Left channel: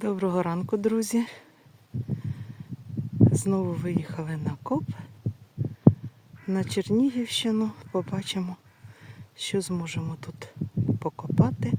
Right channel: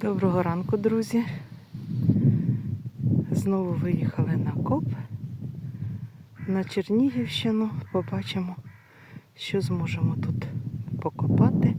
Доброго ранку, друзі. Знову виїхали на коп на Чернігівщину. Побачимо, що зможемо тут покопати.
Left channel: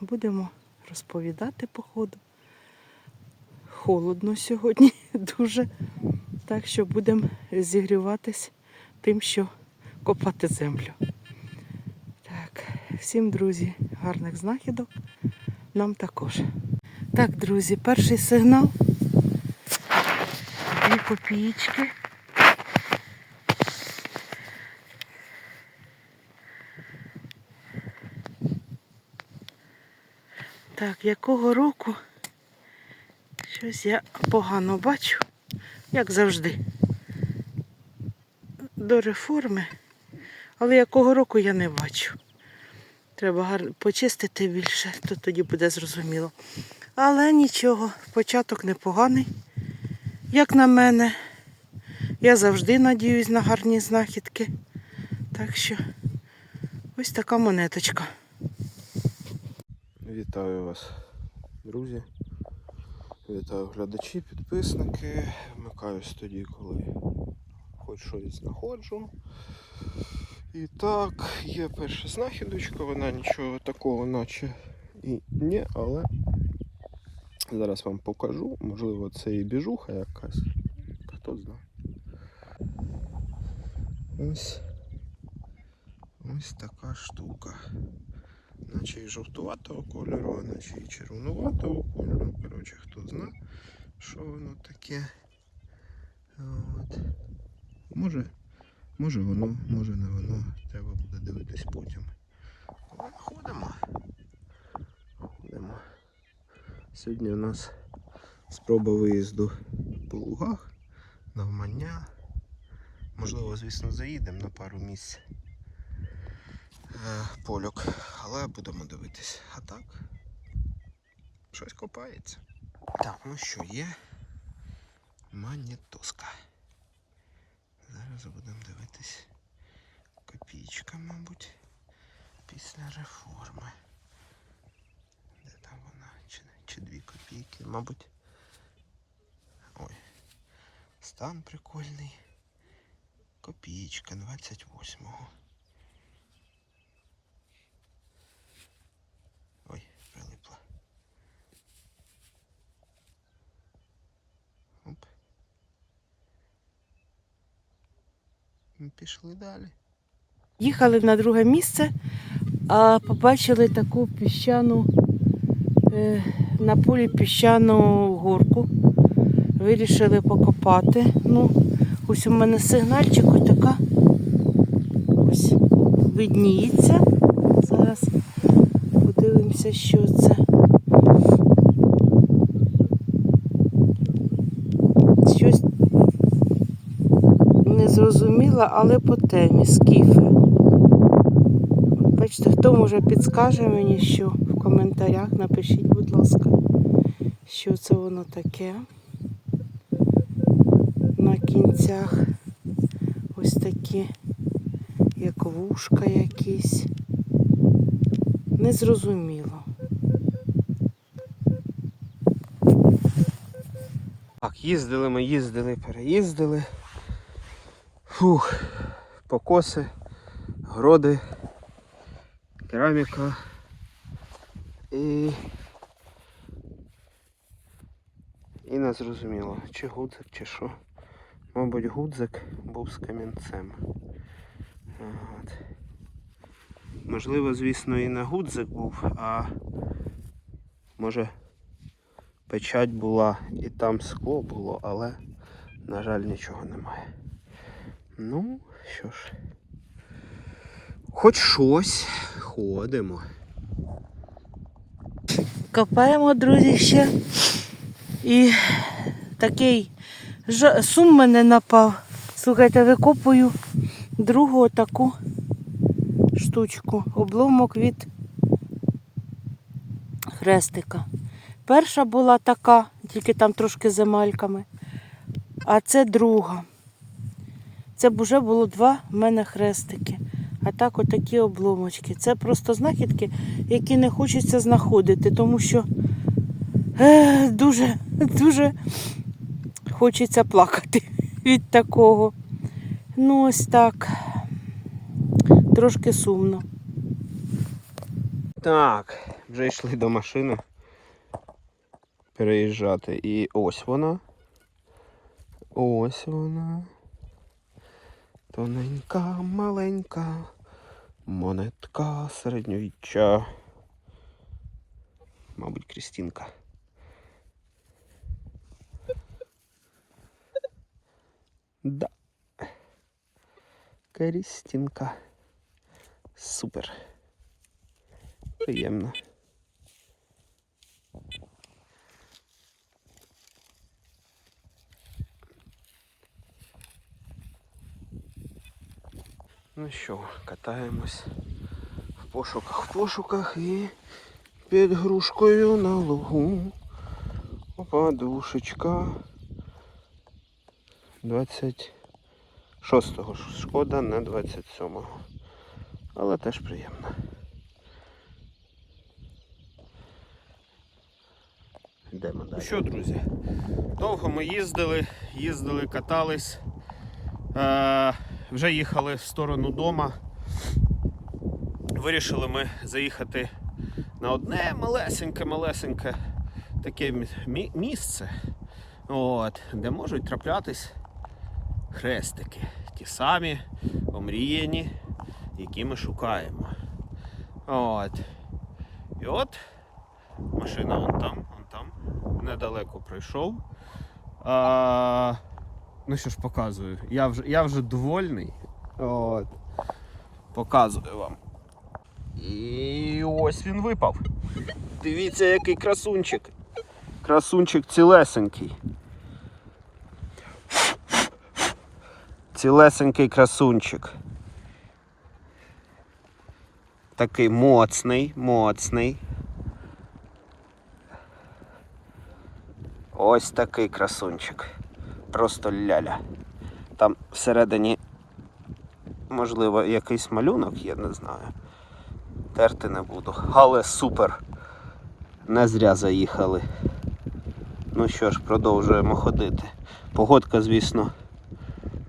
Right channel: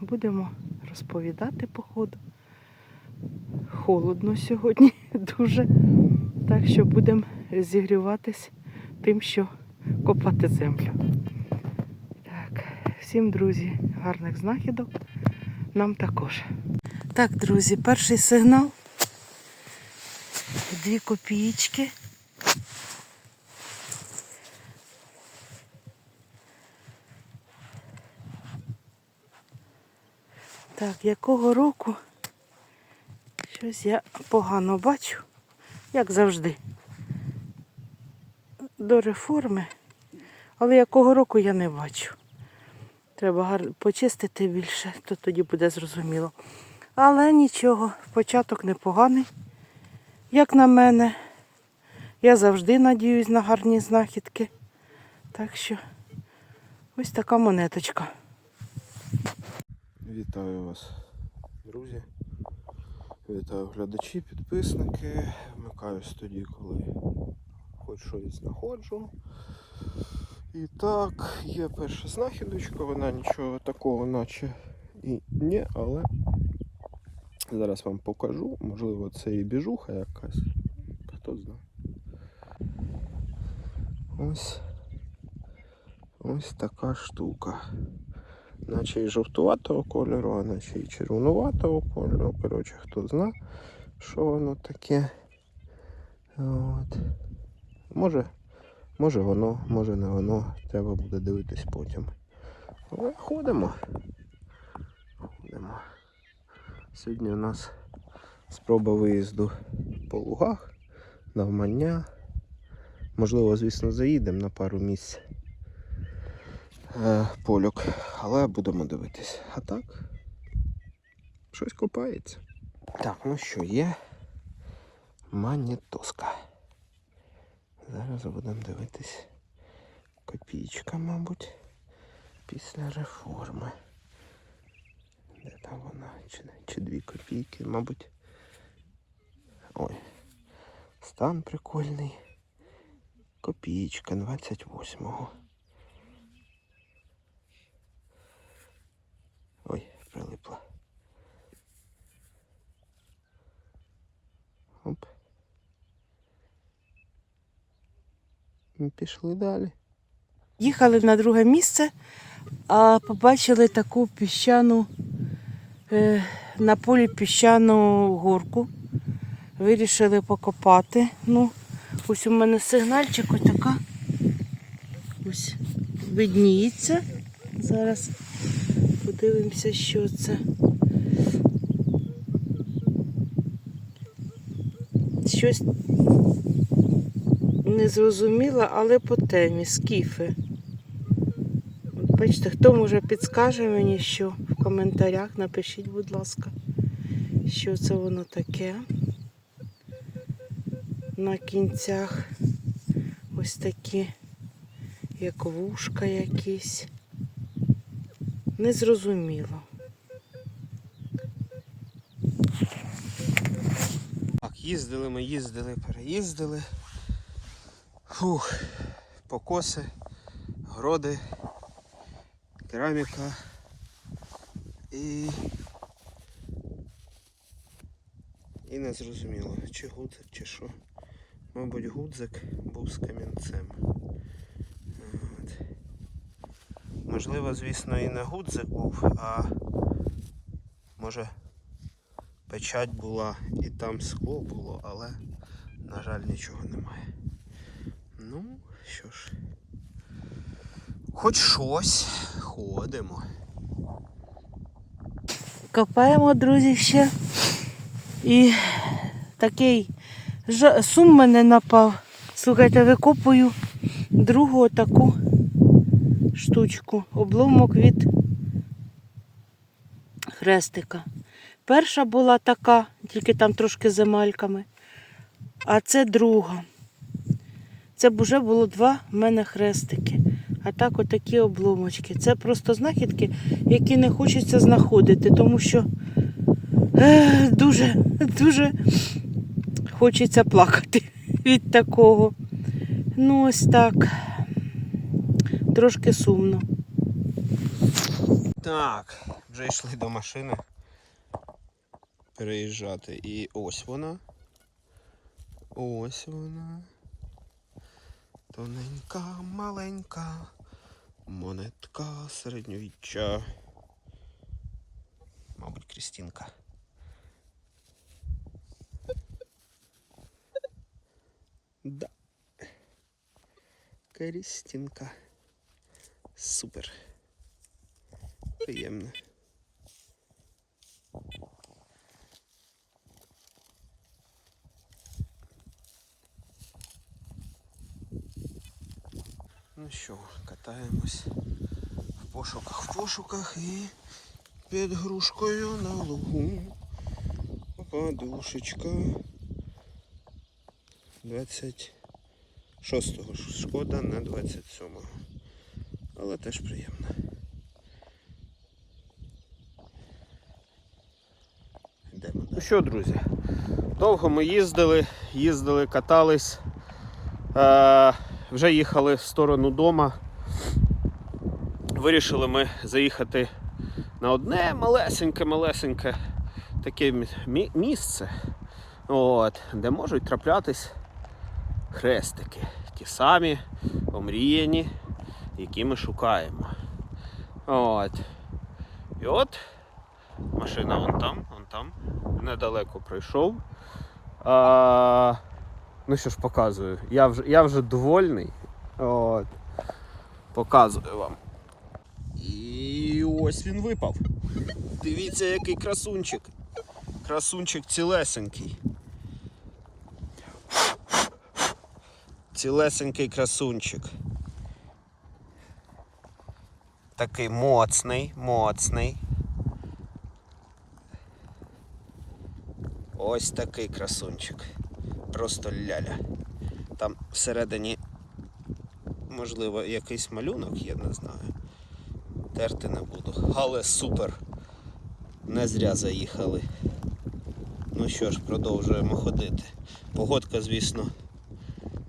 Будемо розповідати по ходу. Холодно сьогодні дуже. Так що будемо зігріватись тим, що копати землю. Так, всім, друзі, гарних знахідок. Нам також. Так, друзі, перший сигнал. Дві копієчки. Так, якого року? Щось я погано бачу, як завжди. До реформи. Але якого року я не бачу. Треба почистити більше, то тоді буде зрозуміло. Але нічого, початок непоганий. Як на мене, я завжди надіюсь на гарні знахідки. Так що ось така монеточка. Вітаю вас, друзі. Вітаю глядачі, підписники. Вмикаюсь тоді, коли хоч щось знаходжу. І так, є перша знахідочка, вона нічого такого наче і ні, але зараз вам покажу. Можливо, це і біжуха якась. Хто знає. Ось ось така штука наче і жовтуватого кольору, а наче і червонуватого кольору. Коротше, хто зна, що воно таке. От. Може, може воно, може не воно. Треба буде дивитись потім. Але ходимо. Ходимо. Сьогодні у нас спроба виїзду по лугах, навмання. Можливо, звісно, заїдемо на пару місць е, польок, але будемо дивитись. А так, щось копається. Так, ну що, є манітоска. Зараз будемо дивитись. Копійка, мабуть, після реформи. Де там вона? Чи, чи дві копійки, мабуть. Ой, стан прикольний. Копійка 28-го. І Пішли далі. Їхали на друге місце, а побачили таку піщану е, на полі піщану горку. Вирішили покопати. Ну, ось у мене сигнальчик ось така. Ось видніється. Зараз подивимося, що це. Щось не зрозуміла, але по темі скіфи. Бачите, хто може підскаже мені, що в коментарях напишіть, будь ласка, що це воно таке. На кінцях ось такі, як вушка якісь. Незрозуміло. Так, їздили ми, їздили, переїздили. Фух, покоси, городи, кераміка і. І не зрозуміло, чи гудзик, чи що. Мабуть, гудзик був з камінцем. От. Можливо, звісно, і не гудзик був, а може печать була і там скло було, але, на жаль, нічого немає. Ну, що ж. Хоч щось ходимо. Копаємо, друзі, ще. І такий жа- сум мене напав. Слухайте, викопую другу таку штучку. Обломок від хрестика. Перша була така, тільки там трошки з емальками. А це друга. Це б вже було два в мене хрестики. А так отакі обломочки. Це просто знахідки, які не хочеться знаходити, тому що е, дуже, дуже хочеться плакати від такого. Ну, ось так. Трошки сумно. Так, вже йшли до машини переїжджати. І ось вона. Ось вона. Тоненька, маленька. Монетка середньовіччя. Мабуть, Крістінка. Да. Крістінка. Супер. Приємно. Ну що, катаємось в пошуках, в пошуках і під грушкою на лугу. Подушечка. 26-го. Шкода, не 27-го. Але теж приємно. Йдемо далі. Ну що, друзі, довго ми їздили, їздили, катались. Е, вже їхали в сторону дома. Вирішили ми заїхати на одне малесеньке-малесеньке таке мі- мі- місце, от, де можуть траплятись хрестики. Ті самі омріяні, які ми шукаємо. От. І от машина вон там, вон там, недалеко пройшов. А, ну що ж показую, я вже, я вже довольний. От. Показую вам. І ось він випав. Дивіться, який красунчик. Красунчик цілесенький. Цілесенький красунчик. Такий моцний, моцний. Ось такий красунчик. Просто ляля. Там всередині, можливо, якийсь малюнок, я не знаю. Терти не буду. Але супер. Не зря заїхали. Ну що ж, продовжуємо ходити. Погодка, звісно,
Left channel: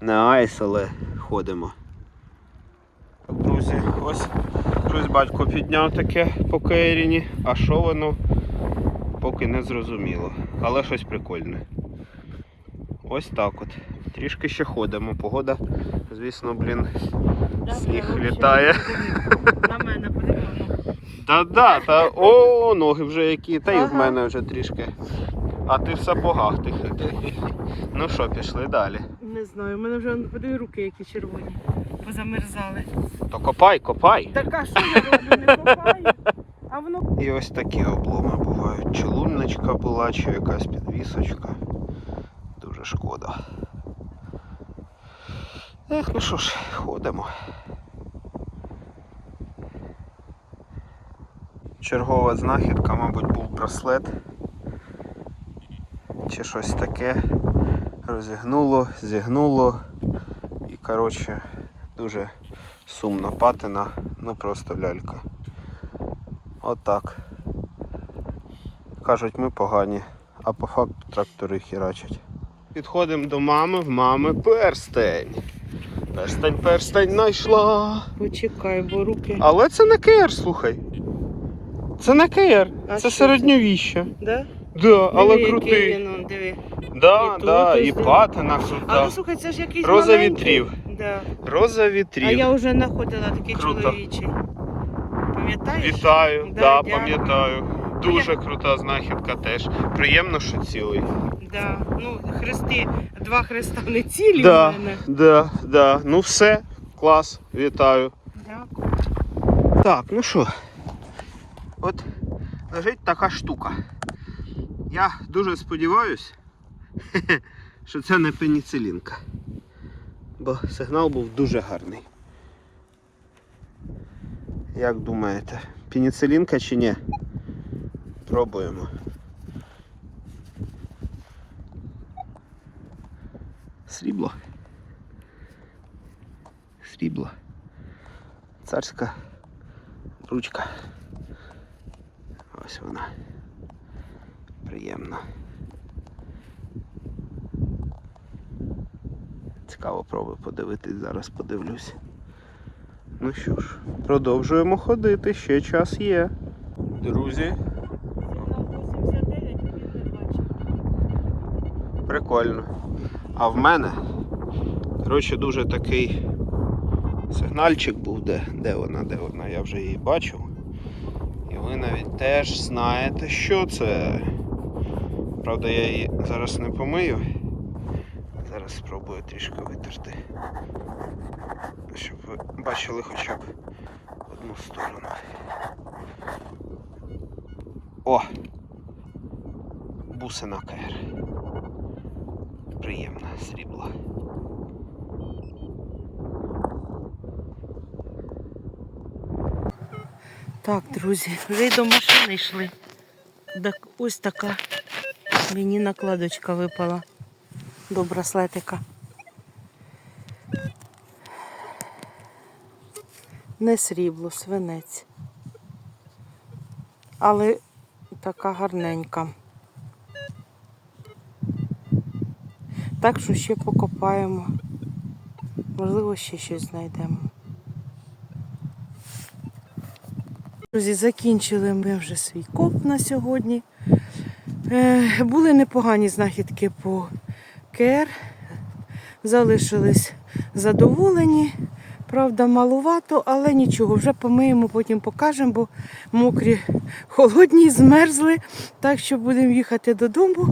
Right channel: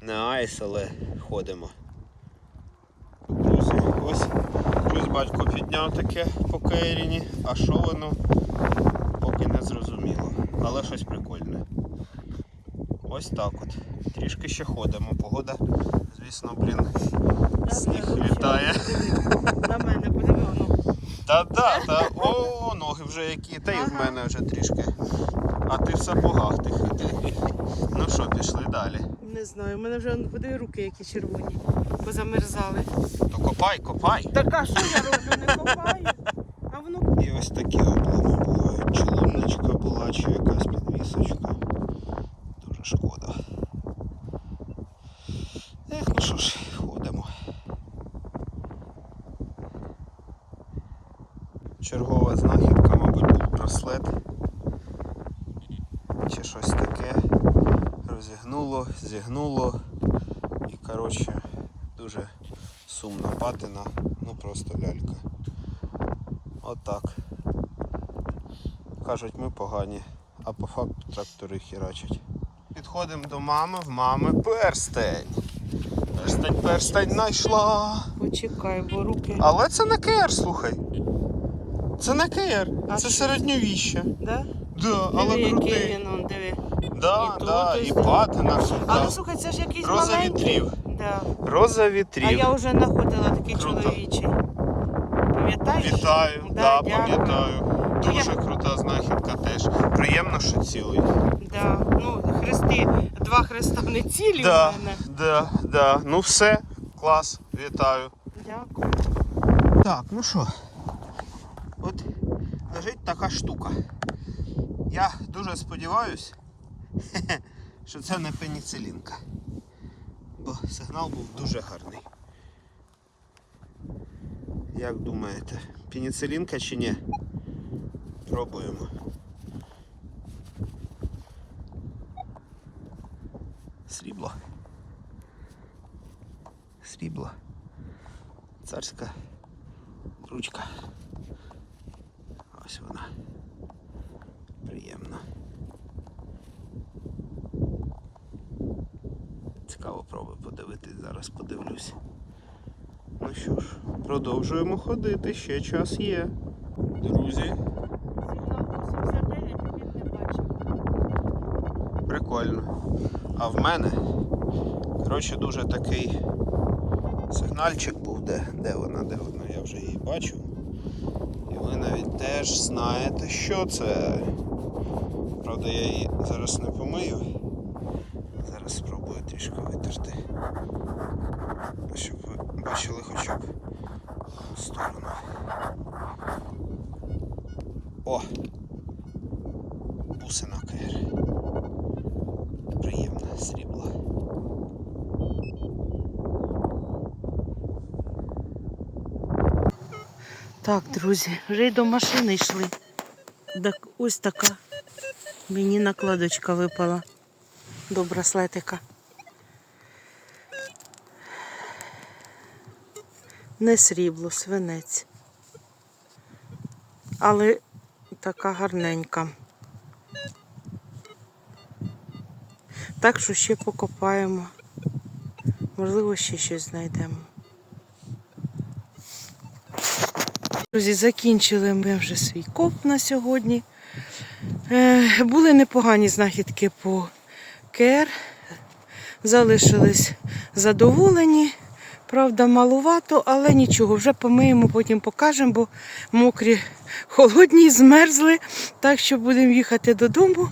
не айс, але ходимо. Ось щось батько підняв таке по Кейріні, а що воно поки не зрозуміло. Але щось прикольне. Ось так от. Трішки ще ходимо. Погода, звісно, блін, сніг літає. На мене подивимо. Та да, та о, ноги вже які, та й в мене вже трішки. А ти в сапогах ти хитрий. Ну що, пішли далі. Не знаю, у мене вже подиві руки, які червоні. Позамерзали. То копай, копай. Так а що я роблю? Не копаю. А воно І ось такі обломи бувають. Чи лунночка була, чи якась підвісочка. Шкода. Ех, ну що ж, ходимо. Чергова знахідка, мабуть, був браслет. Чи щось таке. Розігнуло, зігнуло. І коротше дуже сумно патина, ну просто лялька. Отак. Кажуть, ми погані, а по факту трактори херачать. Підходимо до мами, в мами перстень. Перстень, перстень знайшла. почекай, бо руки. Але це не КР, слухай. Це не КР, А це що середньовіще. Да? Да, але Диви, крутий. він, он, диви. Да, І тут да, ось і диви. патина Але крута. слухай, це ж якийсь Роза маленький. вітрів. Да. Роза А вітрів. я вже знаходила такий Круто. чоловічий. Пам'ятаєш? Вітаю, Да, да, дякую. пам'ятаю. Дуже крута знахідка теж. Приємно, що цілий. Да. Ну, хрести, два хреста не цілі Да, в мене. да, да. Ну все, клас, вітаю. Дякую. Так, ну що, от лежить така штука. Я дуже сподіваюся, що це не пеніцилінка. Бо сигнал був дуже гарний. Як думаєте, пеніцилінка чи ні? Пробуємо. Срібло. Срібло. царська ручка. Ось вона. Приємна. Цікаво пробую подивитись, зараз подивлюсь. Ну що ж, продовжуємо ходити, ще час є. Друзі, прикольно. А в мене, коротше, дуже такий сигнальчик був, де, де вона, де вона, я вже її бачив. І ви навіть теж знаєте, що це. Правда, я її зараз не помию. Зараз спробую трішки витерти. Щоб ви бачили хоча б одну сторону. О! Бусина Так, друзі, вже й до машини йшли. Так, ось така мені накладочка випала до браслетика. Не срібло, свинець. Але така гарненька. Так що ще покопаємо. Можливо, ще щось знайдемо. Друзі, закінчили ми вже свій коп на сьогодні. Е, були непогані знахідки по КР. Залишились задоволені. Правда, малувато, але нічого, вже помиємо, потім покажемо, бо мокрі, холодні, змерзли. Так що будемо їхати додому.